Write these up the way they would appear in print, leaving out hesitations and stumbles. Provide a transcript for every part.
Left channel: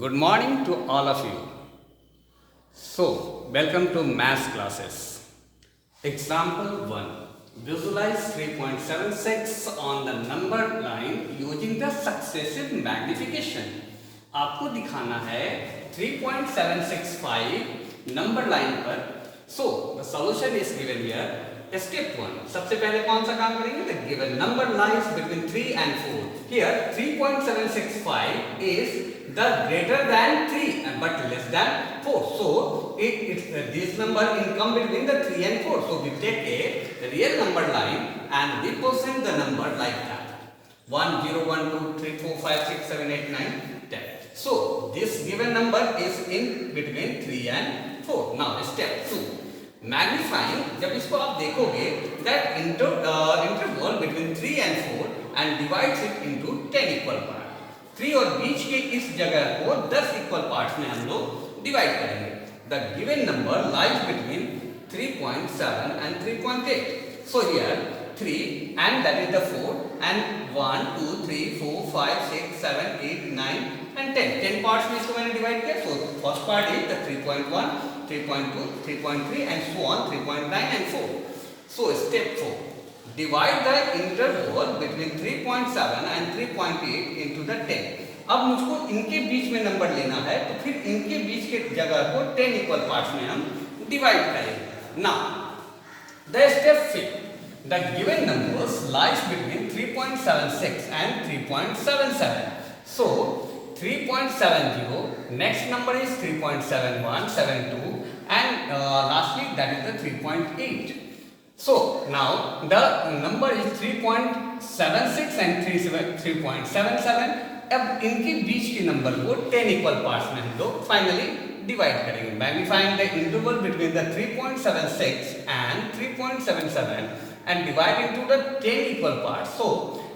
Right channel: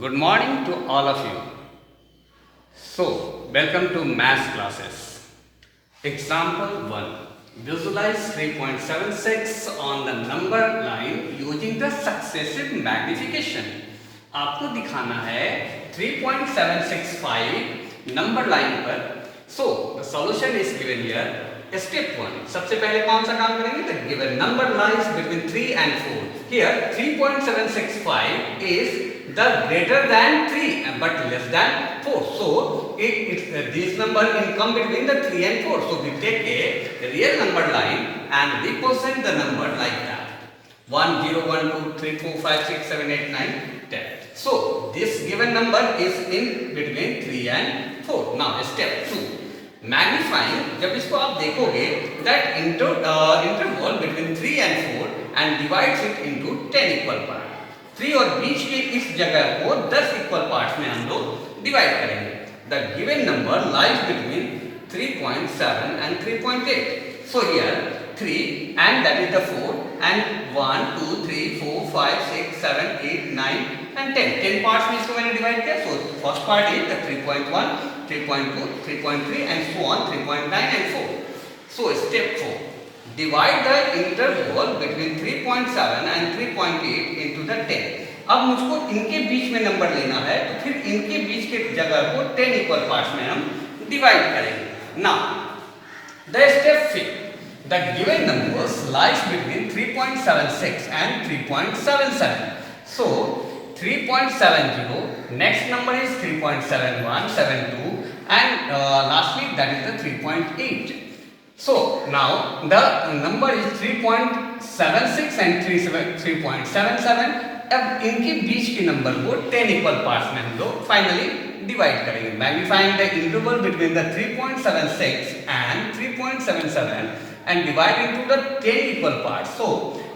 Good morning to all of you. So, welcome to math classes. Example 1. Visualize 3.76 on the number line using the successive magnification. आपको दिखाना है 3.765 number line पर. So, the solution is given here. Step 1. सबसे पहले कौन सा काम करेंगे? The given number lies between 3 and 4. Here 3.765 is the greater than 3 but less than 4. So this number come between the 3 and 4. So we take a real number line and we present the number like that. 1, 0, 1, 2, 3, 4, 5, 6, 7, 8, 9, 10. So this given number is in between 3 and 4. Now step 2. Magnifying, जब इसको आप देखोगे that interval between 3 and 4 and divides it into 10 equal parts. 3 और बीच के इस जगह को 10 equal parts में हम लोग डिवाइड करेंगे. The given number lies between 3.7 and 3.8. So here 3 and that is the 4 and 1, 2, 3, 4, 5, 6, 7, 8, 9 and 10. 10 parts में इसको मैंने डिवाइड किया. So first part is the 3.1, 3.2, 3.3 and so on 3.9 and 4. So step 4. Divide the interval between 3.7 and 3.8 into the 10. अब मुझको इनके बीच में number लेना है तो फिर इनके बीच के जगह को 10 इक्वल पार्ट्स में हम डिवाइड करेंगे. Now the step 5. The given numbers lies between 3.76 and 3.77. So 3.70, next number is 3.71, 72 and lastly that is the 3.8. So now the number is 3.76 and 3.77. अब इनके बीच के नंबर को 10 इक्वल पार्ट्स में हम लोग फाइनली डिवाइड करेंगे. Magnifying the interval between the 3.76 and 3.77 and divide into the 10 equal parts. So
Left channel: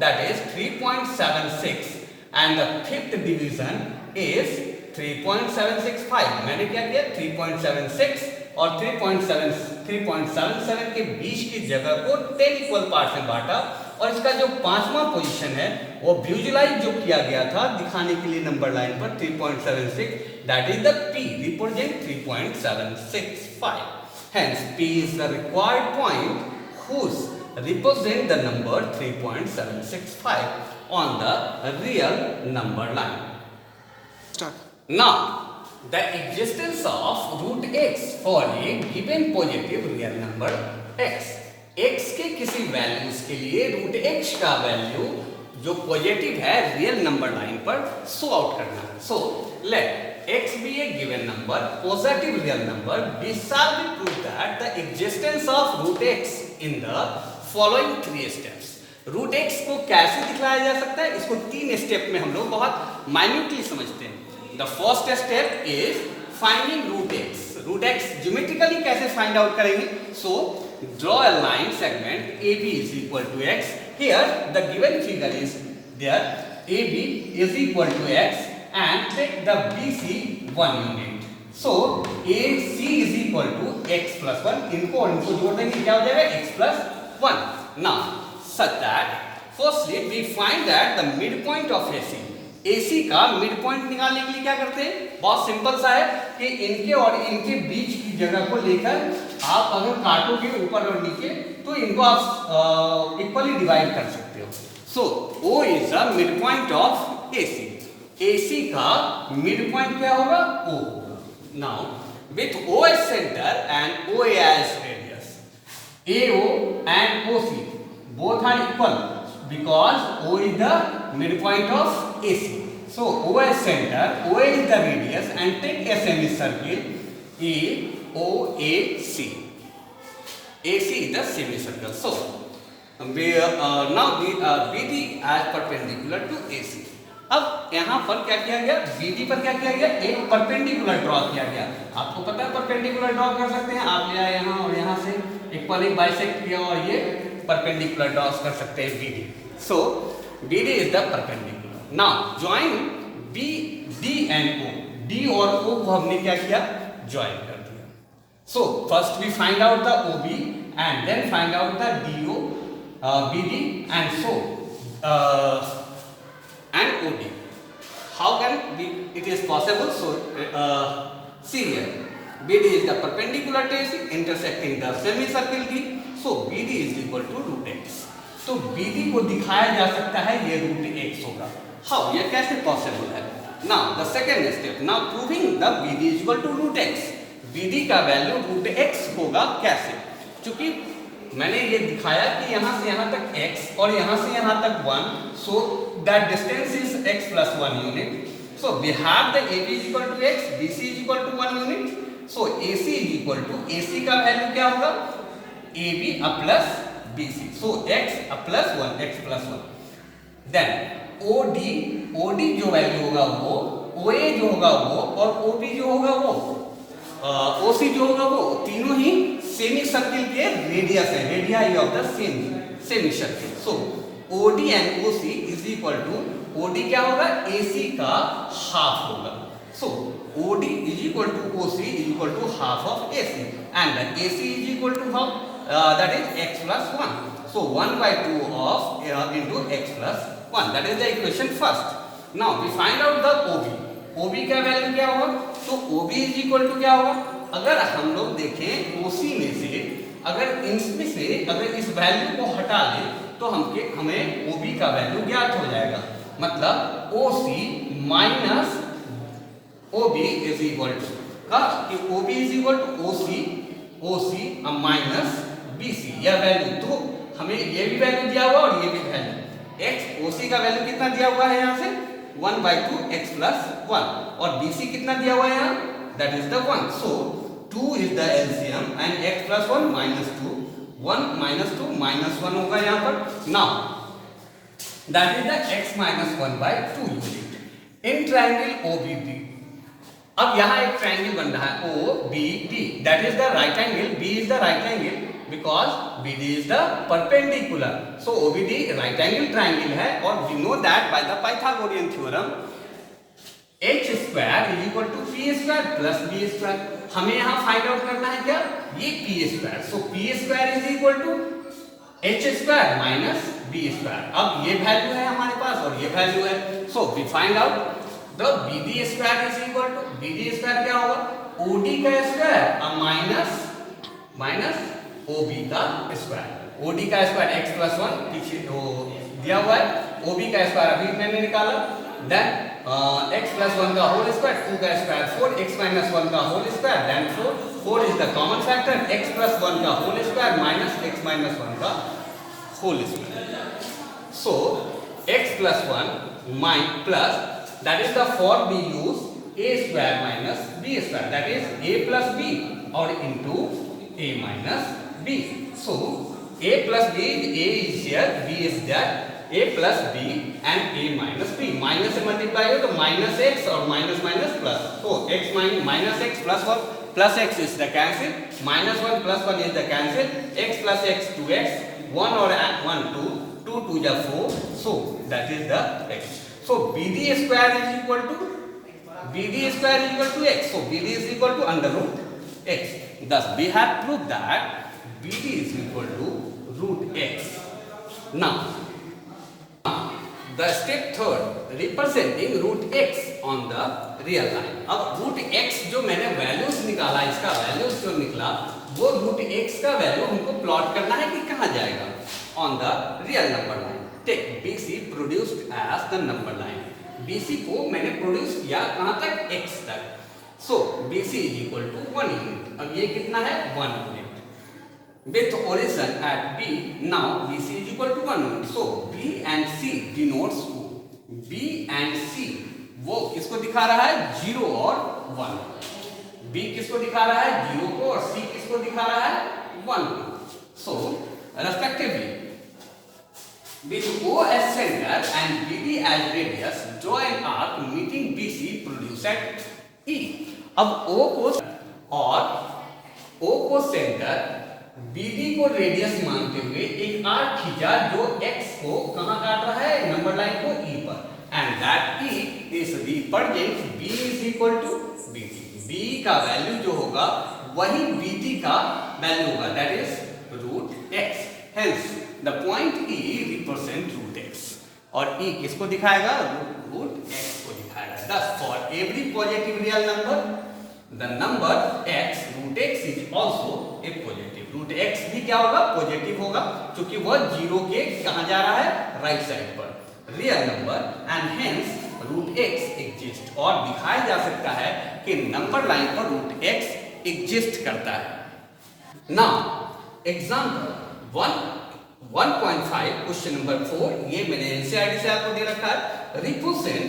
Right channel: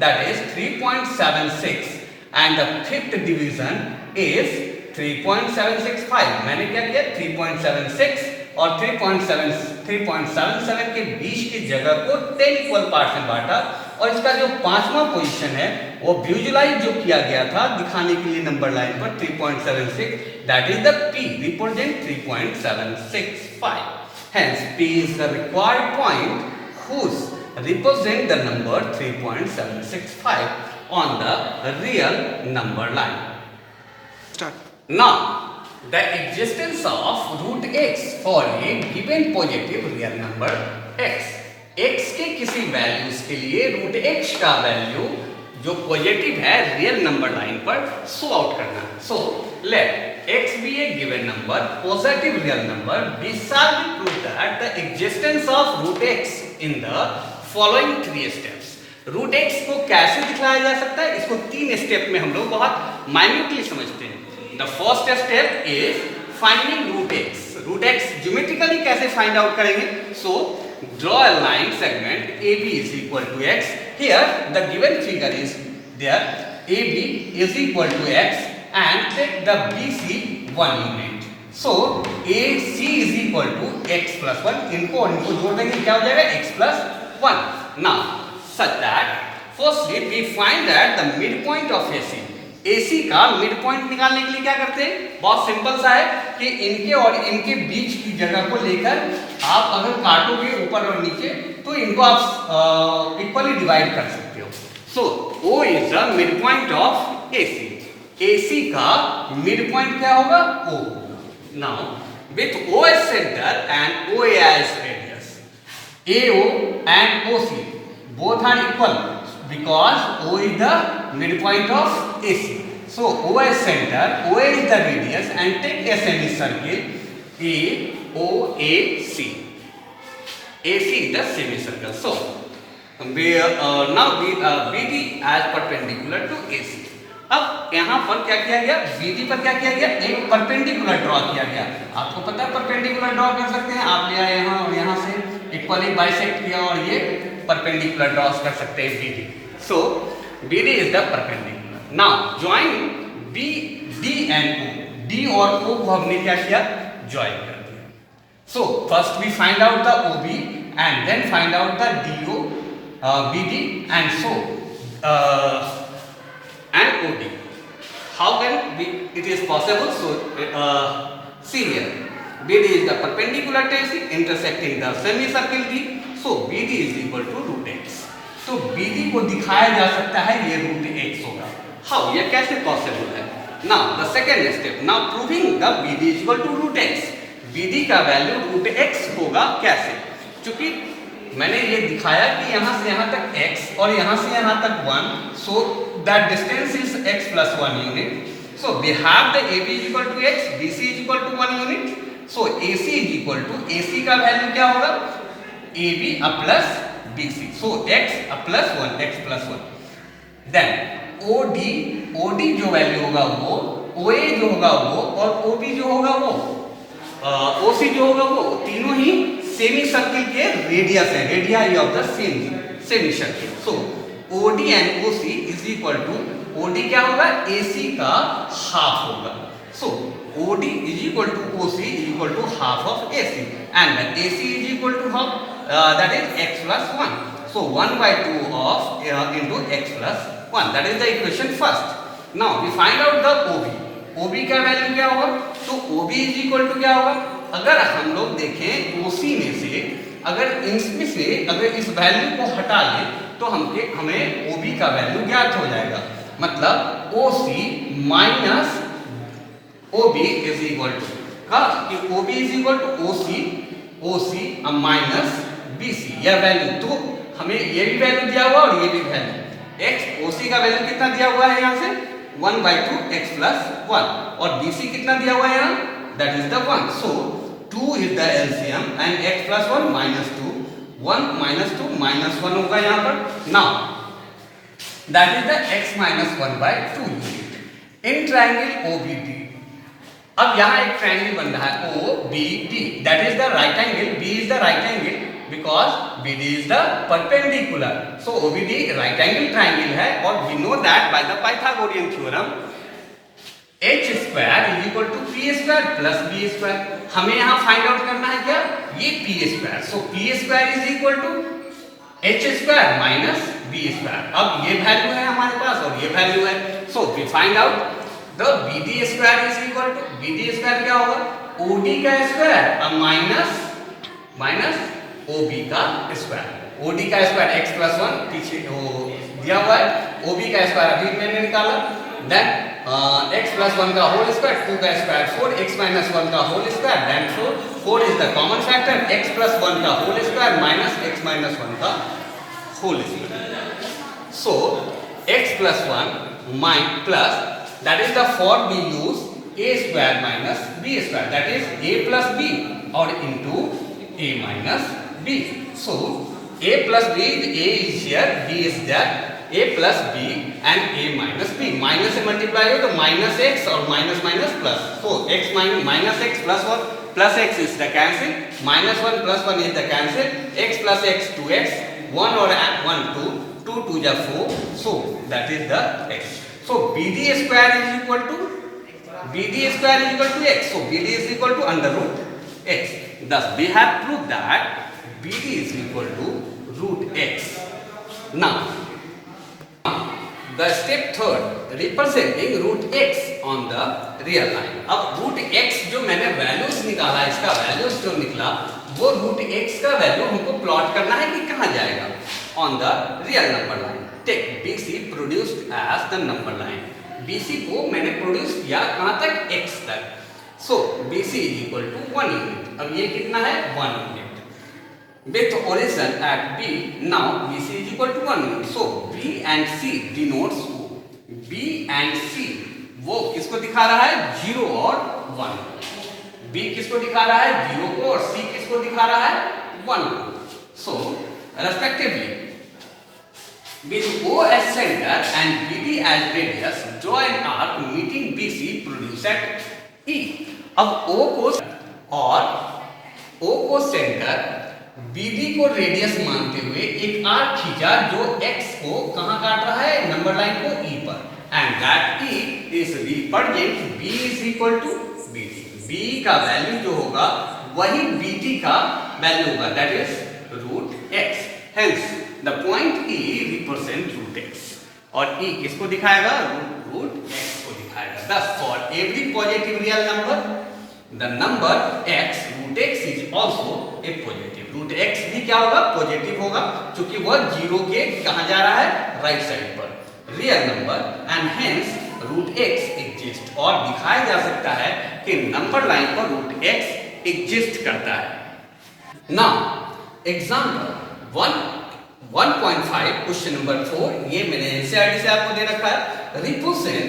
that is 3.76 and the fifth division is 3.765. मैंने क्या किया? 3.76 और 3.77 के बीच की जगह को 10 इक्वल पार्ट में बांटा और इसका जो पांचवा पोजीशन है वो विजुलाइज जो किया गया था दिखाने के लिए नंबर लाइन पर 3.76, that is the P represent 3.765. Hence P is the required point whose represent the number 3.765 on the real number line. Start. Now the existence of root x for a given positive real number x. x के किसी values के लिए root x का value जो positive है real number line पर so out करना है. So let x be a given number, positive real number, we shall prove that the existence of root x in the following 3 steps. Root x को कैसे दिखाया जा सकता है? इसको 3 स्टेप में हम लोग बहुत माइन्यूटली समझते हैं. The first step is finding root x. Root x geometrically कैसे find out करेंगे? So draw a line segment AB is equal to x. Here the given figure is there. AB is equal to x and take the BC 1 unit. So AC is equal to x plus 1. इनको और इनको जोड़ देंगे क्या हो जाएगा? x plus 1. Now such that firstly we find that the midpoint of AC. AC का mid point निकालने के लिए क्या करते हैं? बहुत सिंपल सा है कि इनके और इनके बीच की जगह को लेकर आप अगर काटोगे ऊपर और नीचे तो इनको आप इक्वली डिवाइड कर सकते हो. सो O is the midpoint of AC. AC का मिड पॉइंट क्या होगा? O. Now with O as center and OA as radius, AO and OC both are equal because O is the midpoint of AC. So O as center, OA is the radius and take a semicircle AOAC. AC is the semicircle. So now BD as perpendicular to AC. अब यहाँ पर क्या किया गया? BD पर क्या किया गया? एक परपेंडिकुलर ड्रॉ किया गया. आपको पता है परपेंडिकुलर ड्रॉ कर सकते हैं. आप ले आए यहाँ और यहाँ से इक्वली बाइसेक्ट किया और ये परपेंडिकुलर ड्रॉ कर सकते हैं BD. So BD is the perpendicular. Now join BD and O. D और O को हमने क्या किया? Join कर दिया. So first we find out the OB and then find out the DO, BD and so and OD. how can it is possible? So see here, BD is the perpendicular to AC intersecting the semicircle D, so BD is equal to root x. तो BD को दिखाया जा सकता है ये root x होगा. How? ये कैसे पॉसिबल है? Now the second step, now proving the BD is equal to root x. BD का वैल्यू रूट x होगा कैसे? क्योंकि मैंने ये दिखाया कि यहाँ से यहाँ तक x और यहाँ से यहाँ तक 1, so that distance is x plus 1 unit. So we have the AB is equal to x, BC is equal to 1 unit. So AC is equal to, AC का वैल्यू क्या होगा? AB plus BC. So x plus 1, x plus 1. Then OD जो value होगा वो, OA जो होगा वो और OB जो होगा वो, OC जो होगा वो, तीनों ही सेमी सर्किल के रेडियस है, radii of the semi circle. So OD and OC is equal to, OD क्या होगा? AC का हाफ होगा. So OD is equal to OC is equal to half of AC, and then AC is equal to half, that is x plus 1. So 1 by 2 of into x plus 1. That is the equation first. Now we find out the OB. OB का value क्या होगा? तो OB is equal to क्या होगा? अगर हम लोग देखें OC में से, अगर इसमें से अगर इस वैल्यू को हटा लें तो हमें OB का वैल्यू ज्ञात हो जाएगा. मतलब OC minus OB is equal to का, कि OB is equal to OC minus BC. यह वैल्यू, तो हमें ये भी वैल्यू दिया हुआ और ये भी वैल्यू. x OC का वैल्यू कितना दिया हुआ है यहाँ से? 1 by 2 x plus 1, और BC कितना दिया हुआ है यहाँ? That is the 1. So 2 is the LCM and x plus 1 minus 2, 1 minus 2 minus 1 होगा यहाँ पर. Now that is the x minus 1 by 2 unit in triangle OBD. अब यहाँ एक ट्रायंगल बन रहा है OBD, that is the right angle, B is the right angle because BD is the perpendicular. So OBD right angle triangle है, और we know that by the Pythagorean theorem h square is equal to p square plus b square. हमें यहाँ find out करना है क्या? ये p square. So p square is equal to h square minus b square. अब ये value है हमारे पास और ये वैल्यू है. So we find out the BD square is equal to, BD square क्या होगा? OD का स्क्वायर माइनस OB का स्क्वायर. OD का स्क्वायर x plus 1 पीछे वो दिया हुआ है, OB का स्क्वायर अभी मैंने निकाला. देन x plus 1 का होल स्क्वायर, 2 का स्क्वायर 4, x minus 1 का whole square, then 4 is the common factor, x plus 1 का whole square minus x minus 1 का whole square. So x plus 1 plus, that is the form we use a square minus b square, that is a plus b or into a minus b. So a plus b, a is here, b is there, a plus b and a minus b. Minus से multiply हो तो minus x और minus plus. So x minus x plus 1 plus x is the cancel, minus 1 plus 1 is the cancel, x plus x 2x, 1 or 1 2, 2 2 is 4, so that is the x. So BD square is equal to x. So BD is equal to under root x. Thus we have proved that BD is equal to root x. Now the step third, representing root x on the real line. अब root x जो मैंने values निकाला, इसका values जो निकला वो root x का value हमको प्लॉट करना है कि कहाँ जाएगा? On the real number line. Take BC produced as the number line. BC को मैंने प्रोड्यूस किया कहाँ तक? x तक. So BC is equal to 1 unit. अब ये कितना है? 1 unit. With origin at B, now BC is equal to 1 unit. So B and C denotes B and C. वो किसको दिखा रहा है? 0 और 1. B किसको दिखा रहा है? 0 को, और C किसको दिखा रहा है? 1 को. So respectively, with O as center and BD as radius, draw an arc meeting BC produce at E. अब O को सेंटर, BD को रेडियस मानते हुए एक आर्क खींचा जो x को कहाँ काट रहा है? नंबर लाइन को E पर. And that E is represent B is equal to BD. B का वैल्यू जो होगा वही BD का वैल्यू होगा, that is root x. Hence the point E represent root x. और E किसको दिखाएगा? रूट एक्स को दिखाएगा। thus for every positive real number the number x root x is also a positive। Root x भी क्या होगा, positive होगा, क्योंकि वह जीरो के कहां जा रहा है, राइट साइड पर, real number, and hence root x exist. और दिखाया जा सकता है कि नंबर लाइन पर रूट x एग्जिस्ट करता है। नाउ एग्जांपल 1.5 क्वेश्चन नंबर 4, ये मैंने एनसीईआरटी से आपको दे रखा है। Represent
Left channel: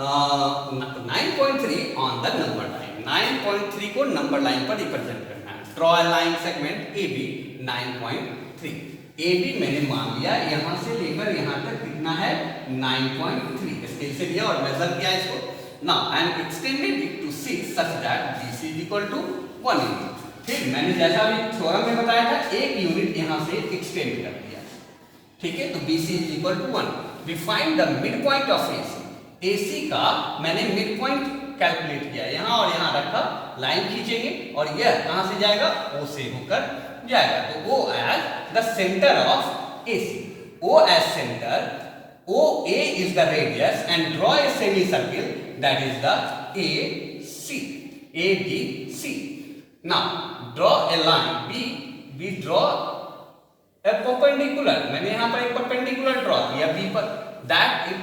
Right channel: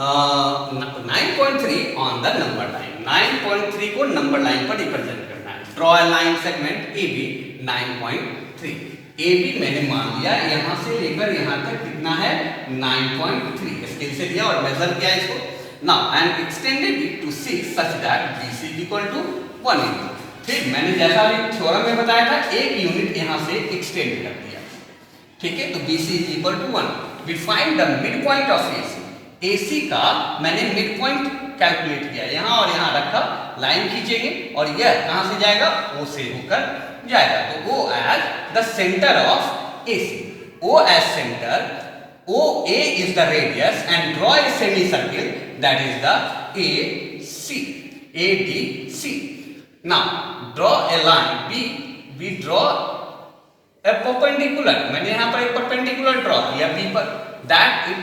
9.3 on the number line. 9.3 को नंबर लाइन पर रिप्रेजेंट करना है। Draw a line segment AB 9.3। AB मैंने मान लिया यहाँ से लेकर यहाँ तक कितना है, 9.3 स्केल से लिया और मेजर किया इसको। Now and extended it to C such that BC is equal to 1 unit. फिर मैंने जैसा अभी थ्योरम में बताया था, एक यूनिट यहाँ से एक्सटेंड कर दिया, ठीक है, तो BC is equal to 1। We find the midpoint of AC। AC का मैंने मिड पॉइंट कैलकुलेट किया, यहाँ और यहाँ रखा, लाइन खींचेंगे और यह कहाँ से जाएगा, O से होकर जाएगा, तो O as the centre of AC। O as centre, OA is the radius and draw a semicircle that is the AC, ADC। Now draw a line B, we draw a perpendicular, मैंने यहाँ पर एक perpendicular draw किया B पर, that it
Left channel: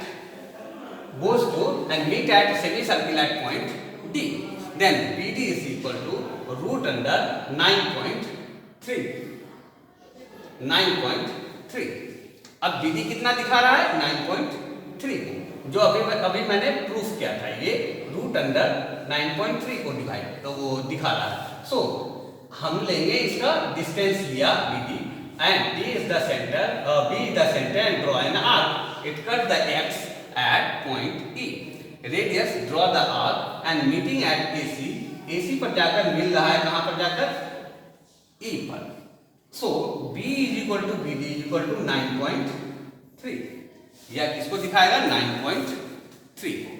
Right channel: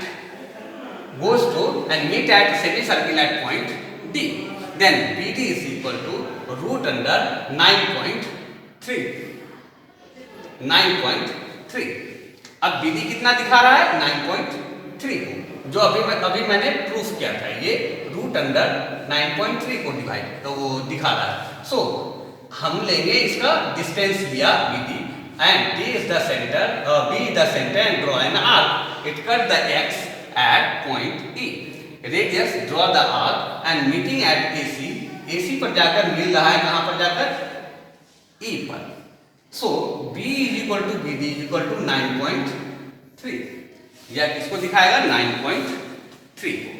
goes to and meet at semicircle at point D. Then BD is equal to root under 9.3. 9.3। अब BD कितना दिखा रहा है, 9.3 को, जो अभी मैंने प्रूफ किया था, ये रूट अंडर 9.3 को डिवाइड तो वो दिखा रहा है। सो हम लेंगे इसका डिस्टेंस लिया BD and D is the center, B is the center and draw an arc. It cut the X at point E. Radius draw the arc and meeting at AC. AC पर जाकर मिल रहा है कहाँ पर जाकर, E पर। So B is equal to BD is equal to 9.3। यह किसको दिखाएगा, 9.3 को।